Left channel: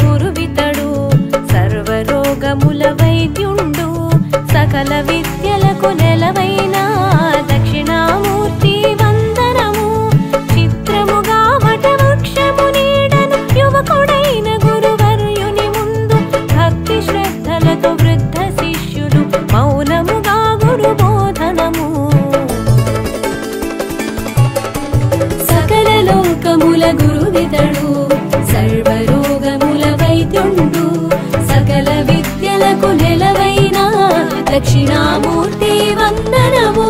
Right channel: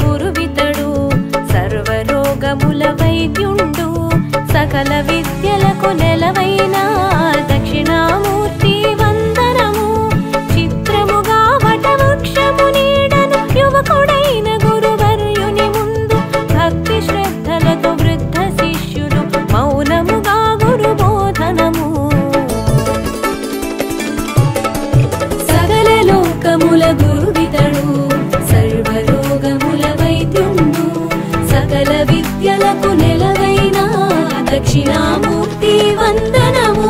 గురువితడు సర్వరోగముల వైద్యుండు సకల విద్యలకు నెలవైన దక్షిణామూర్తి వందనము చిత్రముగా వటవృక్షము నీడను యువకుడైన గురువర్యుని ముందు భక్తి శ్రద్ధలతో వృద్ధ శిష్యులు మౌనముగా గురు బోధనము సకల లోకముల గురువితడు సర్వరోగముల వైద్యుండు సకల విద్యలకు నెలవైన దక్షిణామూర్తి వందనము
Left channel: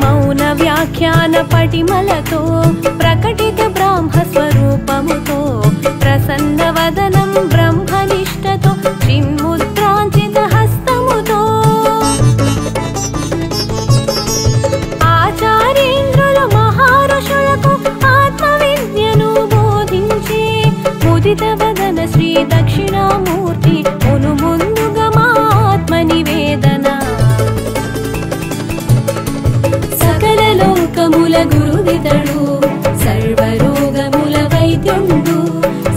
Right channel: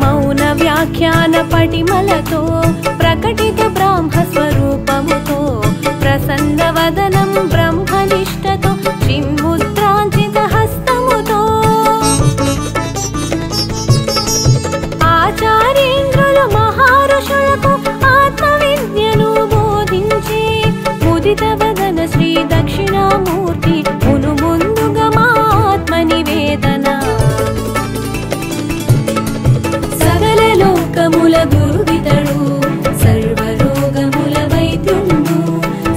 మౌన వ్యాఖ్యాన పటిమలతో ప్రకటిత బ్రాహ్మ స్వరూపముతో ప్రసన్న వదనం బ్రహ్మనిష్టతో చిన్ముద్రాంచిత హస్తముతో ఆచార్యేంద్రులు మహారుషులకు ఆత్మ విద్యను బోధించే ముదిత వదన శ్రీ దక్షిణామూర్తి మును ముందుగా మా ఆత్మ నివేదన సకల లోకముల గురువితడు సర్వరోగముల వైద్యుండు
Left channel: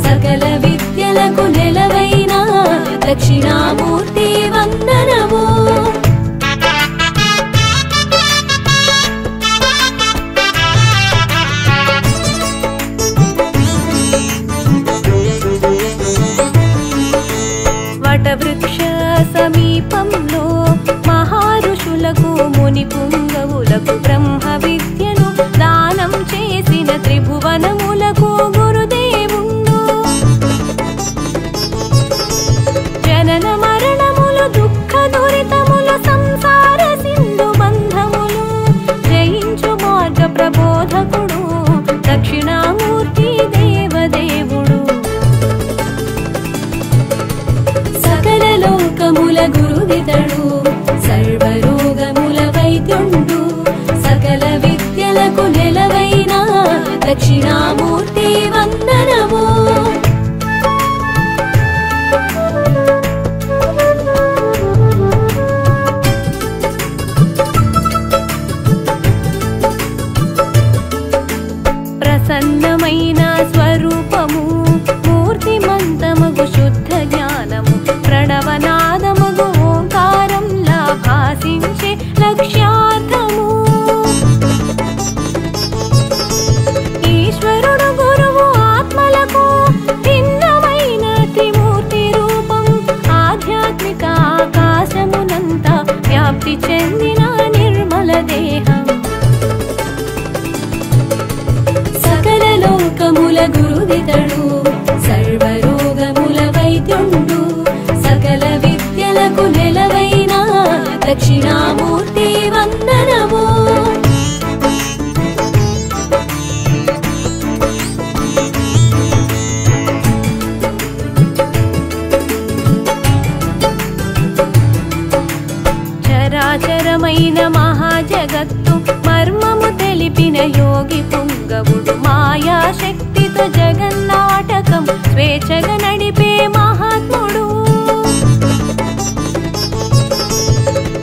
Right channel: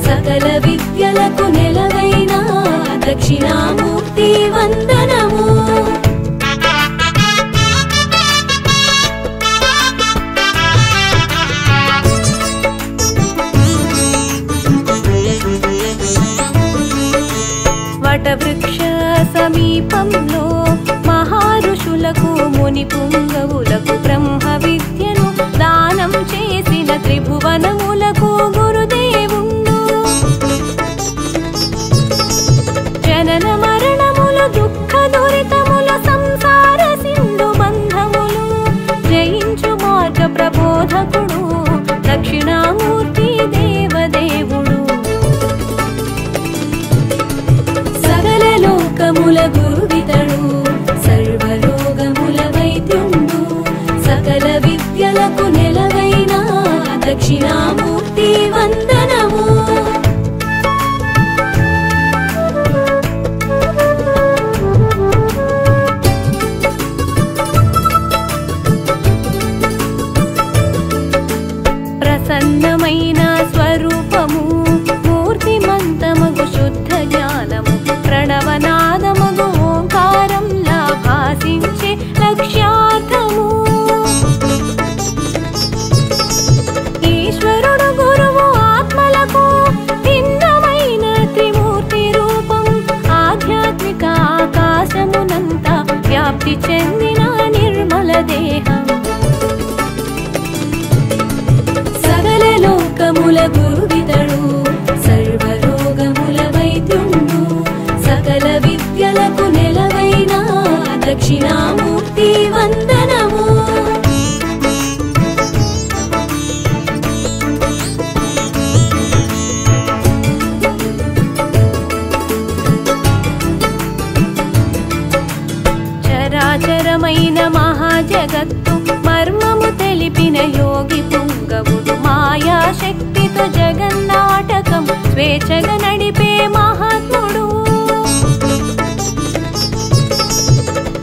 సకల విద్యలకు నెలవైన దక్షిణామూర్తి వందనము వటవృక్ష సమీపంలో మహారుషులకు ముని పుంగవులకు బ్రహ్మ విద్యను దానం చేసిన త్రిభువనములకు గురుదేవుండు జనన మరణములు దుఃఖ దురితములు సంసార సింధు బంధములు జయించు మార్గ ప్రబోధకుడు దక్షిణామూర్తి దేవదేవుడు సకల లోకముల గురువితడు సర్వరోగముల వైద్యుండు సకల విద్యలకు నెలవైన దక్షిణామూర్తి వందనము ప్రసన్నమైన స్వరూపము మూర్తిమంతమగు శుద్ధ జ్ఞానము ప్రణవనాదమగు ఓంకారంలా భాసించే లక్ష్యార్థము ఈశ్వరుడు గురువు ఆత్మలకు భిన్నమైన త్రిమూర్తి రూపం ఆధ్యాత్మిక ఆకాశమునంతా వ్యాప్తి చెందిన నిర్మల దేహం సకల లోకముల గురువితడు సర్వరోగముల వైద్యుండు సకల విద్యలకు నెలవైన దక్షిణామూర్తి వందనము చరాచరమైన మహాజగత్తు మర్మము తెలిపిన యోగి పుంగవుడు మాయాశక్తితో జగన్నాటకం స్వేచ్ఛగా నడిపే మహాత్ముడు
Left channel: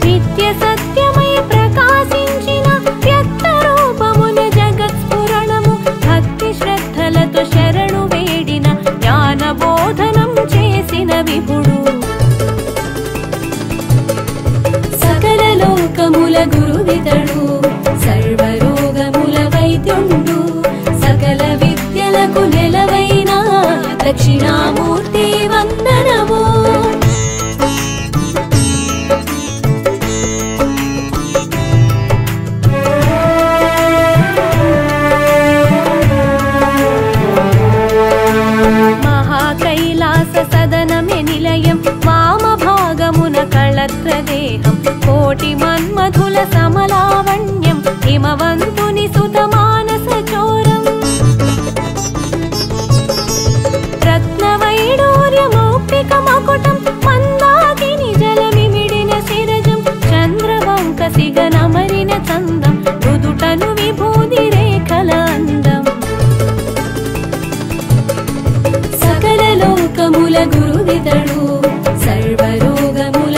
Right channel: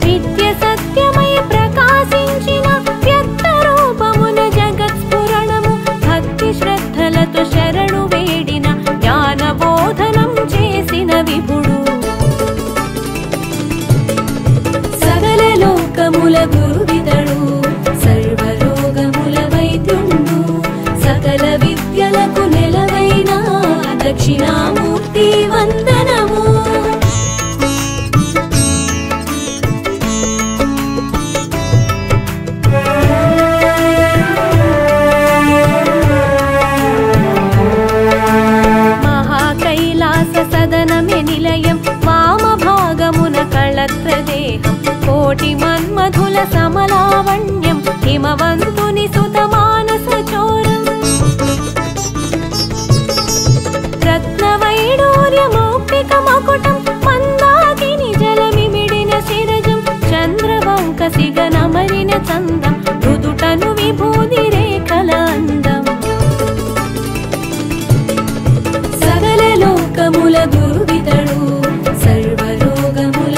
నిత్య సత్యమై ప్రకాశించిన వ్యక్త రూపమున జగత్స్ఫురణము భక్తి శ్రద్ధలతో శరణు వేడిన జ్ఞాన బోధనం చేసిన విభుడు సకల లోకముల గురువితడు సర్వరోగముల వైద్యుండు సకల విద్యలకు నెలవైన దక్షిణామూర్తి వందనము మహాకైలాస సదనమే నిలయం వామ భాగమున కళత్రదేహం కోటి మన్మధుల సమలావణ్యం హిమవంతుని సుత మానస చోరం రత్నవైడూర్య మౌక్తిక మకుటం మందాకిని జలమిమిడిన శిరజం చంద్రవంక సిగనమరిన చందం నుదుటను విభూది రేఖల అందం సకల లోకముల గురువితడు సర్వరోగముల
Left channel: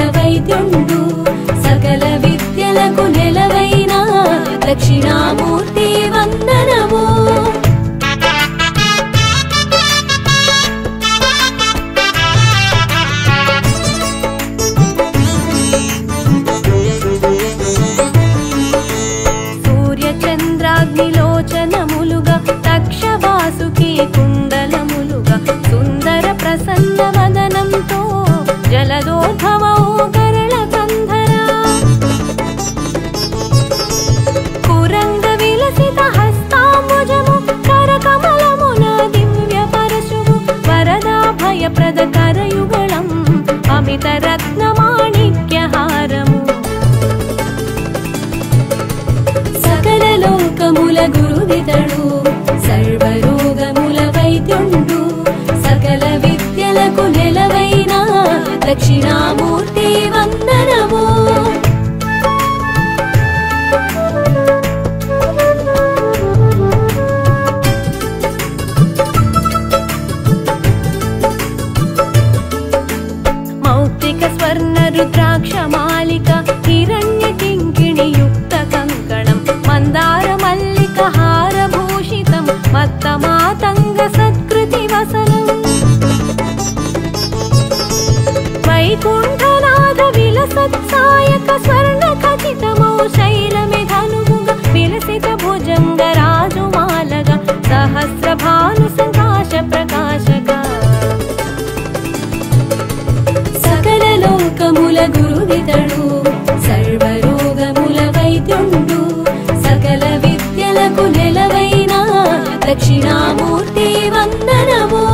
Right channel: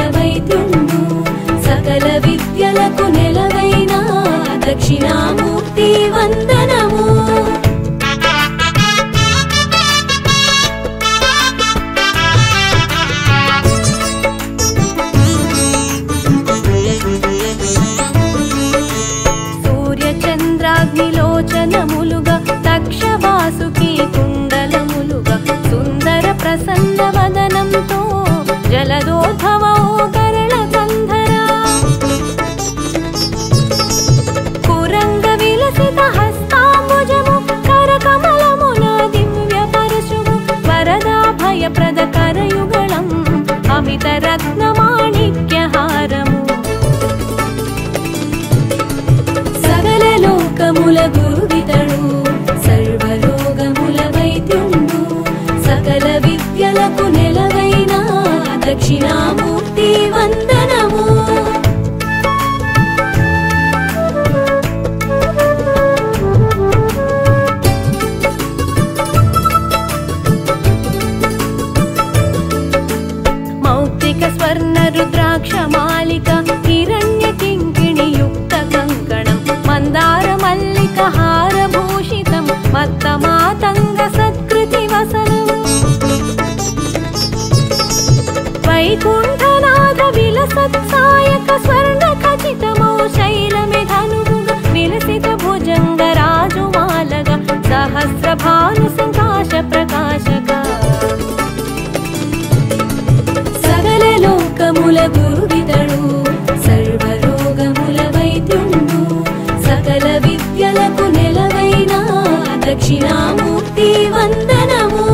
వాసుకి కుండలములుగా సుందర ప్రసన్న వదనంతో జలదోద్భవో గరళ కంధరా కురంగ విలసిత హస్తాంబుజము కరకమలమున దివ్య పరశువు వరదాభయప్రద కరయుగళం అమిత రత్నమాణిక్యహారము సకల లోకముల గురువితడు సర్వరోగముల వైద్యుండు సకల విద్యలకు నెలవైన దక్షిణామూర్తి వందనము మౌక్తిక స్వర్ణ రుద్రాక్ష మాలిక హిరణ్య కింకిణి యుక్త కంకణం మందార మల్లిక హారభూషితం మత్త మాతంగ సత్కృతి వసనం వైకుంఠనాథ విలసత్సాయక స్వర్ణ ఖచితమౌ శైలమిధనుముగ విలసిత భుజంగ రాజుమాలగ సహస్ర భాను సంకాశ ప్రకాశక సకల లోకముల గురువితడు సర్వరోగముల వైద్యుండు సకల విద్యలకు నెలవైన దక్షిణామూర్తి వందనము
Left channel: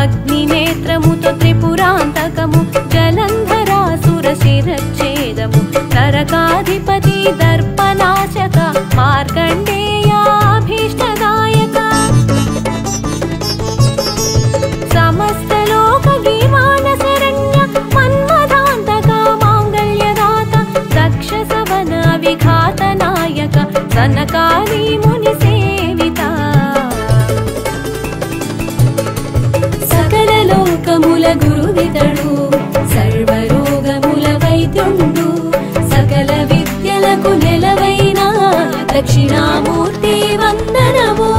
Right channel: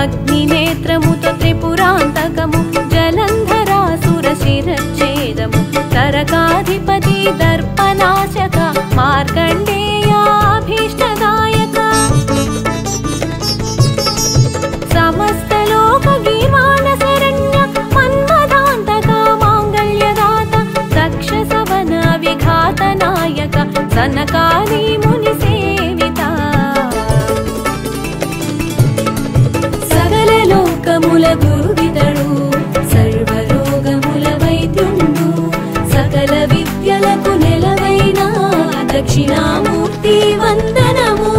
అగ్నినేత్రముతో త్రిపురాంతకము జలంధరాసుర శిరచ్ఛేదము తరకాధిపతి దర్పనాశక మార్కండేయాభీష్టదాయక సమస్త లోక గీర్వాణ శరణ్య మన్మథాంతక మాంగళ్యదాత దక్ష సవన విఘాత నాయక సనకాది ముని సేవిత సకల లోకముల గురువితడు సర్వరోగముల వైద్యుండు సకల విద్యలకు నెలవైన దక్షిణామూర్తి వందనము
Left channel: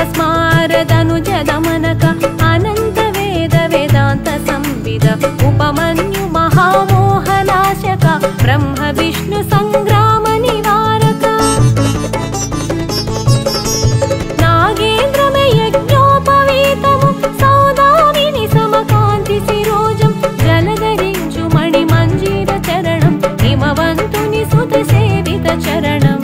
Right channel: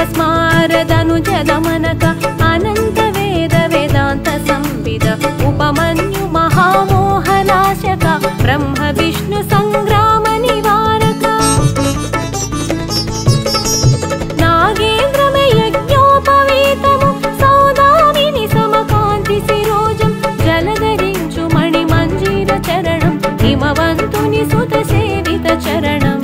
ఘోరపస్మారదనుజ దమనక అనంత వేద వేదాంత సంవిద ఉపమన్యు మహామోహనాశక బ్రహ్మ విష్ణు సంగ్రామ నివారక నాగేంద్రమే యజ్ఞోపవీతము సౌదామిని సమకాంతి శిరోజం జలధరించు మణి మంజీర చరణం హిమవంతుని సుత సేవిత చరణం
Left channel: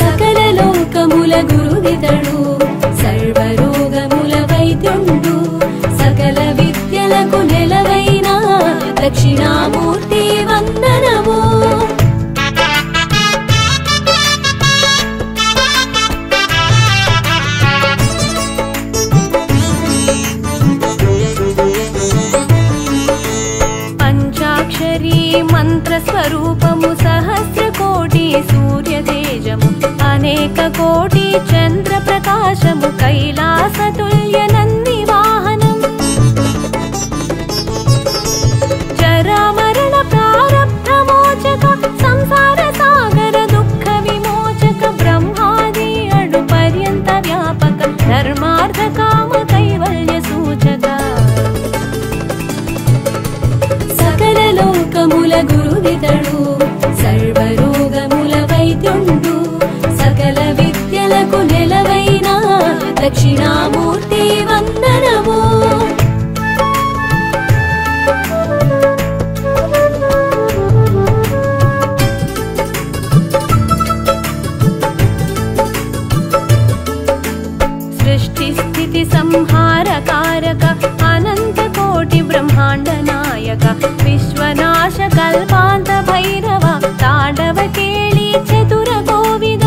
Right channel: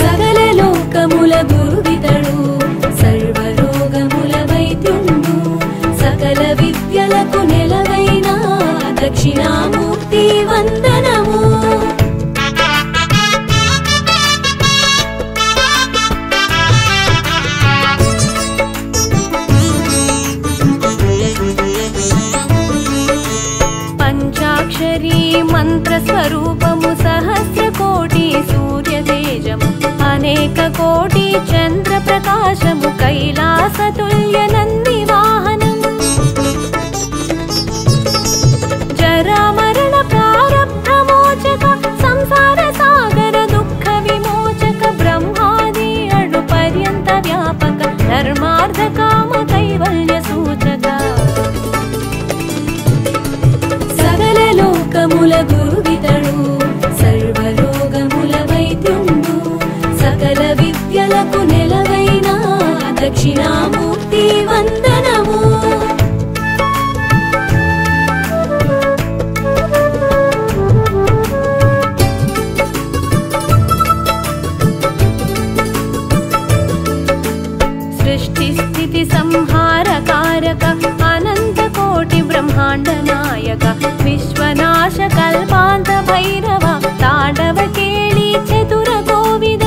సకల లోకముల గురువితడు సర్వరోగముల వైద్యుండు సకల విద్యలకు నెలవైన దక్షిణామూర్తి వందనము పంచాక్షరీ మంత్ర స్వరూపము సహస్ర కోటి సూర్య తేజము అనేక కోటి చంద్ర ప్రకాశము కైలాస తుల్య నంది వాహనం జరా మరణ ప్రారబ్ధ మోచక సంసార సాగర దుఃఖ విమోచక బ్రహ్మాది అడు పర్యంత వ్యాపక ధర్మార్థ కామ కైవల్య సూచక సకల లోకముల గురువితడు సర్వరోగముల వైద్యుండు సకల విద్యలకు నెలవైన దక్షిణామూర్తి వందనము సృష్టి స్థితి సంహార కారక అనంత కోటి బ్రహ్మాండ నాయక విశ్వనాశ కల్పాంత భైరవ తాండవ కేళి చతుర గోవిద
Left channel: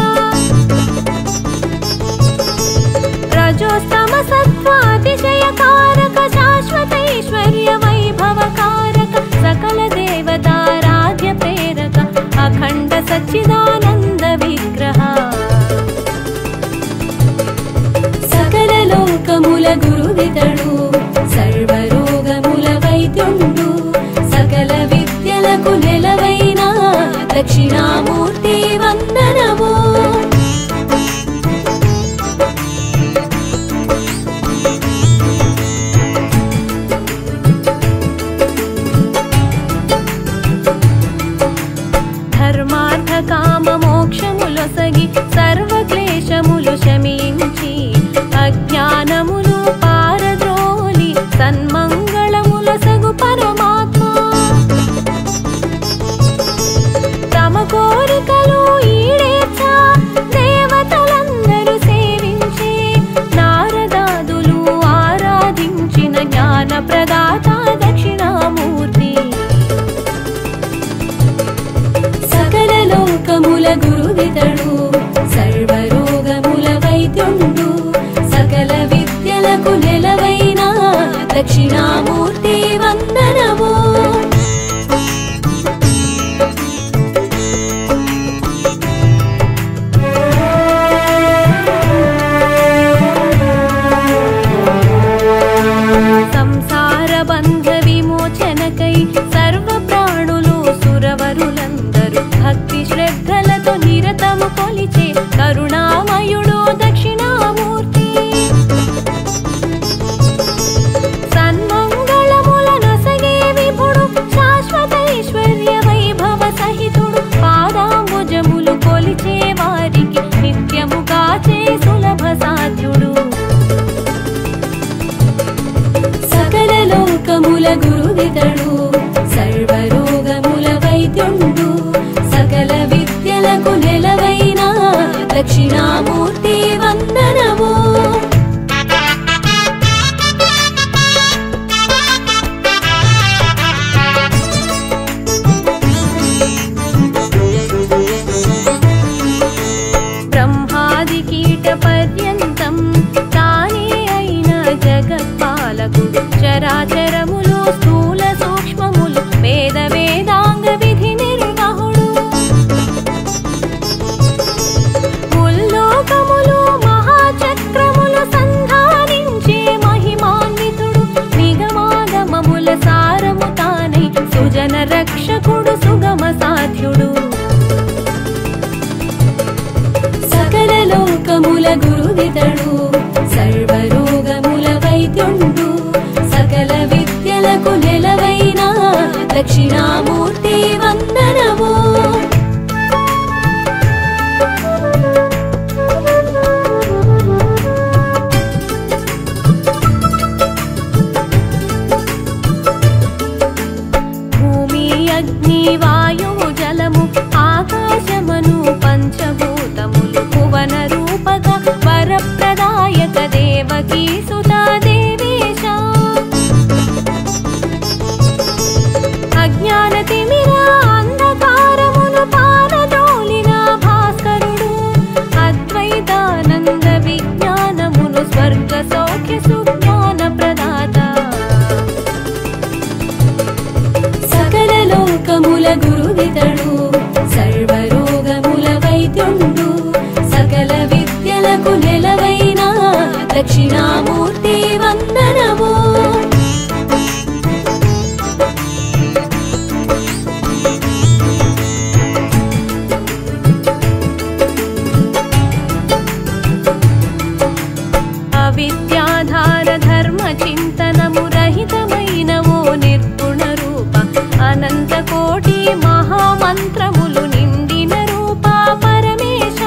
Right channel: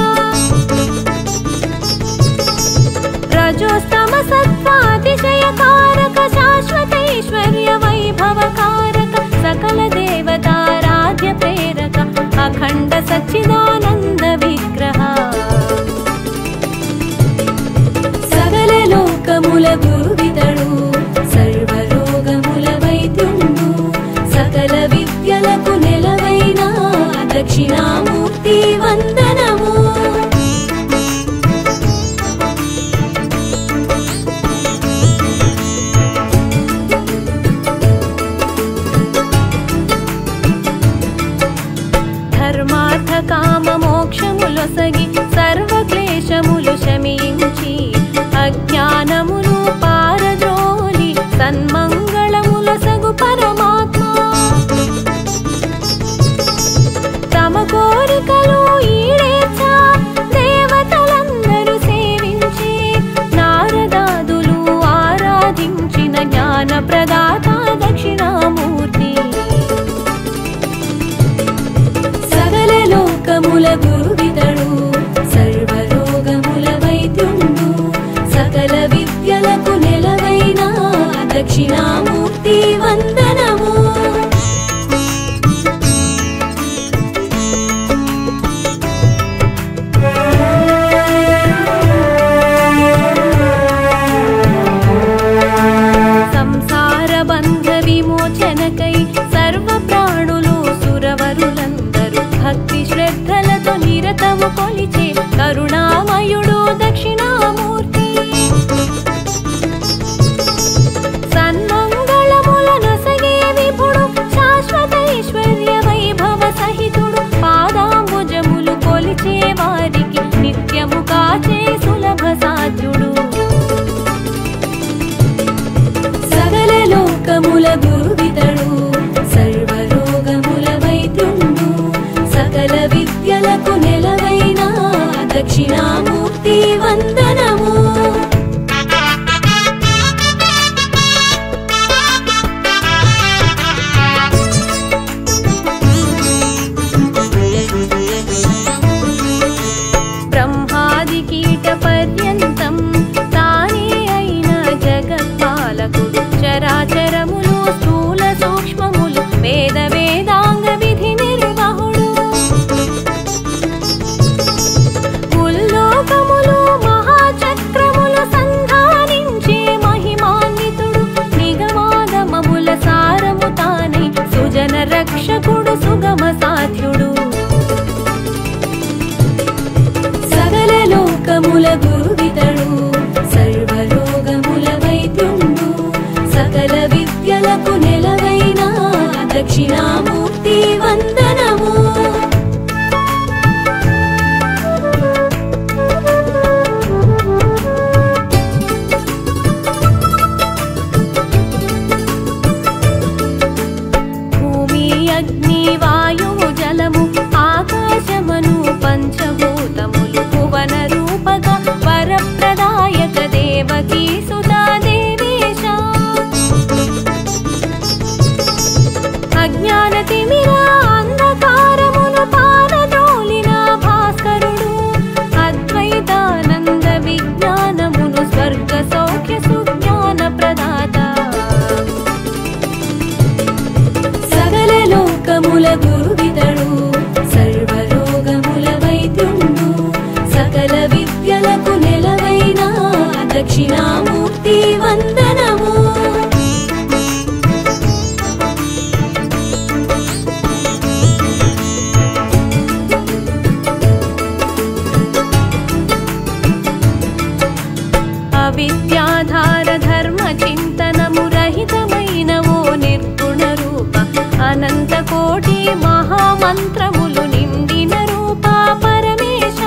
రజోస్తమ సత్వాతిశయ కారక శాశ్వతైశ్వర్య వైభవ కారక సకల దేవతారాధ్య ప్రేరక అఖండ సచ్చిదానంద విగ్రహ సకల లోకముల గురువితడు సర్వరో దక్షిణామూర్తి వందనము. ధర్మార్థ కామ మోక్షములొసగి సర్వక్లేశములు శమించి అజ్ఞానమును పారద్రోలి సన్మంగళములొసగు పరమాత్మ తమ కోరికలు ఈడేర్చ దేవతలందరూ సేవించే నారదాదులు ఆరాధించిన జ్ఞాన ప్రదాత దక్షిణామూర్తి. సకల లోకముల గురువితడు సర్వరోగముల వైద్యుండు సకల విద్యలకు నెలవైన దక్షిణామూర్తి వందనము. సంసార బంధ విమోచనకై సర్వ ప్రాణులు సురవరులందరూ భక్తి శ్రద్ధలతో నిరతము కొలిచే కరుణామయుడు దక్షిణామూర్తి. సన్మంగళములనొసగే విభుడు శాశ్వతైశ్వర్య వైభవ సహితుడు పాదాంబుజములు కొలిచే వారికి నిత్యము కాచే సులభ సాధ్యుడు. సకల లోకముల గురువితడు సర్వరోగముల వైద్యుండు సకల విద్యలకు నెలవైన దక్షిణామూర్తి వందనము. బ్రహ్మాది కీట పర్యంతం తానే అయిన జగత్పాలకుడు చరాచరములు స్థూల సూక్ష్మములు వేద వేదాంగ విధి నిర్వహుడు. ముల్లోకములు మహాచక్రములు సంధానించే మహిమాన్వితుడు నిగమాగమముల సారము తానై సుజన రక్షకుడు సుగమ సాధ్యుడు. సకల లోకముల గురువితడు సర్వరోగముల వైద్యుండు సకల విద్యలకు నెలవైన దక్షిణామూర్తి వందనము. భూమి అగ్ని వాయువు జలము ఆకాశమను పంచభూతములు భువన రూపక వరప్రదాయక దేవకీ సుతా దేవేశ. అజ్ఞాన తిమిర అంధకారమును పారద్రోలిన భాస్కరుడు అద్వైతానంద విజ్ఞానమును స్వర్గ సౌఖ్య సుజ్ఞాన ప్రదాత. సకల లోకముల గురువితడు సర్వరోగముల వైద్యుండు సకల విద్యలకు నెలవైన దక్షిణామూర్తి వందనము. అవిద్యాధార ధర్మ చింతనము రహితమైన ఓ నిర్గుణ రూప అనంత కోటి మహామంత్రములు నిండిన రూప పరమేశ.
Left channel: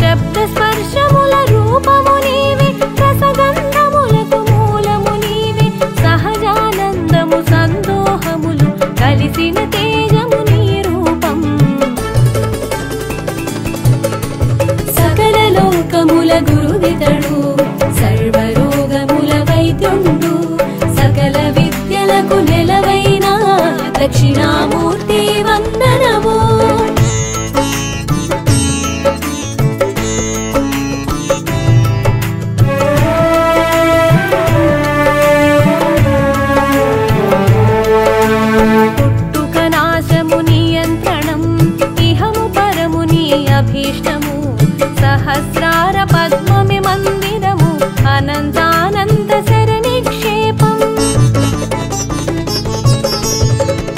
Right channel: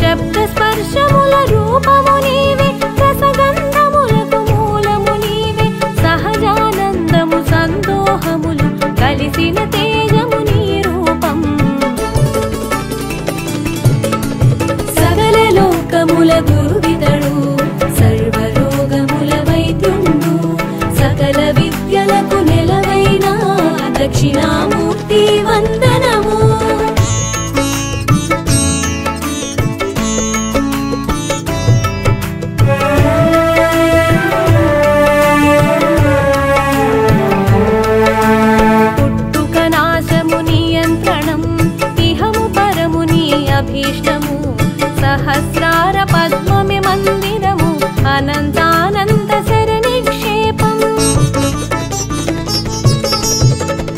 శబ్ద స్పర్శముల రూపము నీవే రసగంధములకు మూలము నీవే సహజానందము సందోహములు కలిసిన తేజము నీ రూపం. సకల లోకముల గురువితడు సర్వరోగముల వైద్యుండు సకల విద్యలకు నెలవైన దక్షిణామూర్తి వందనము. పుట్టుక నాశము నియంత్రణం ఇహము పరముని అభీష్టము సహస్రార పద్మమి మందిరము అనంతానంద శర నిక్షేపం.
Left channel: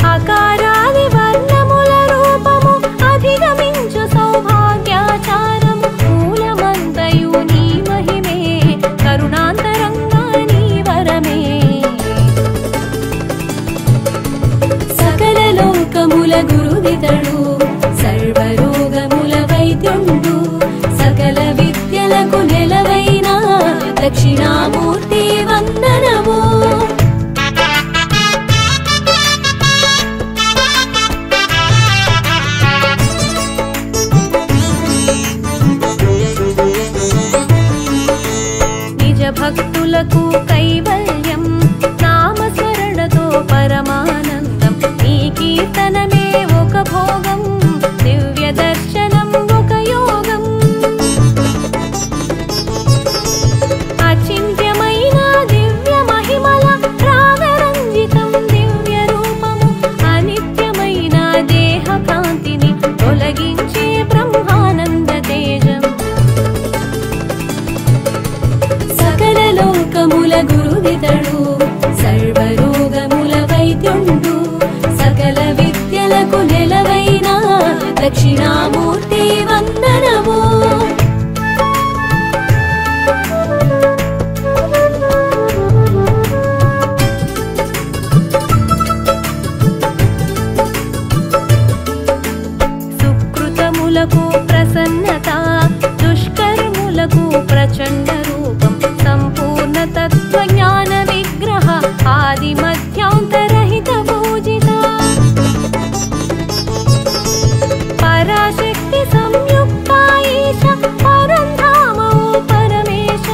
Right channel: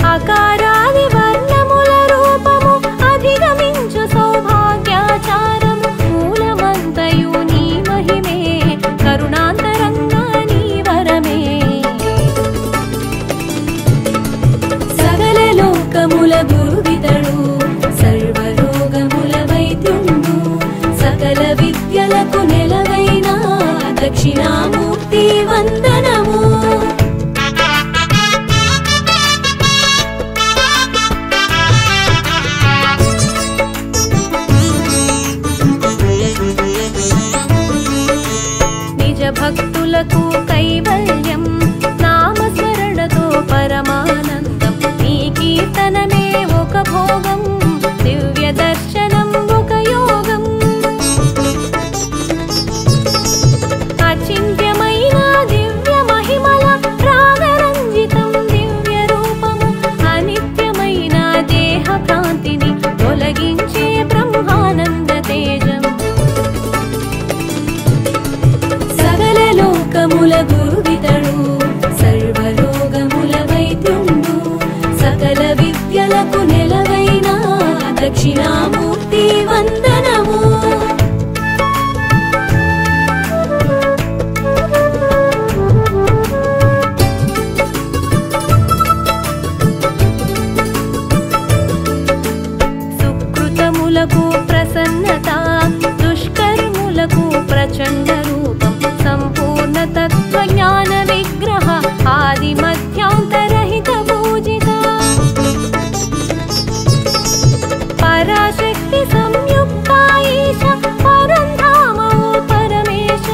ఆకారాది వర్ణముల రూపము అధిగమించు సౌభాగ్యాచారము మూలమంతయు నీ మహిమే కరుణాంతరంగా నీ వరమే సకల లోకముల గురువితడు సర్వరోగముల వైద్యుండు సకల విద్యలకు నెలవైన దక్షిణామూర్తి వందనము భక్తులకు కైవల్యం నామస్మరణతో పరమానందం నీ కీర్తనమే ఒక భోగం దివ్య దర్శనం ఒక యోగం అచింత్యమైన దివ్య మహిమల రాగరంజితం దివ్య రూపము అనిత్యమైన దేహ భ్రాంతిని తొలగించే బ్రహ్మానంద తేజం లోకముల గురువితడు సర్వరోగముల వైద్యుండు సకల విద్యలకు నెలవైన దక్షిణామూర్తి వందనము సుకృతములకు ప్రసన్నత దుష్కర్ములకు ప్రచండ రూపం సంపూర్ణ తత్వజ్ఞాన విగ్రహ ఆది మధ్యాంతరహిత పూజిత పరాశక్తి సంయుక్త ఈశ పరంధామో పరమేశ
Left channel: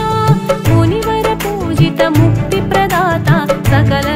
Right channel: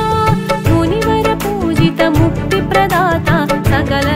మునివర పూజిత ముక్తి ప్రదాత సకల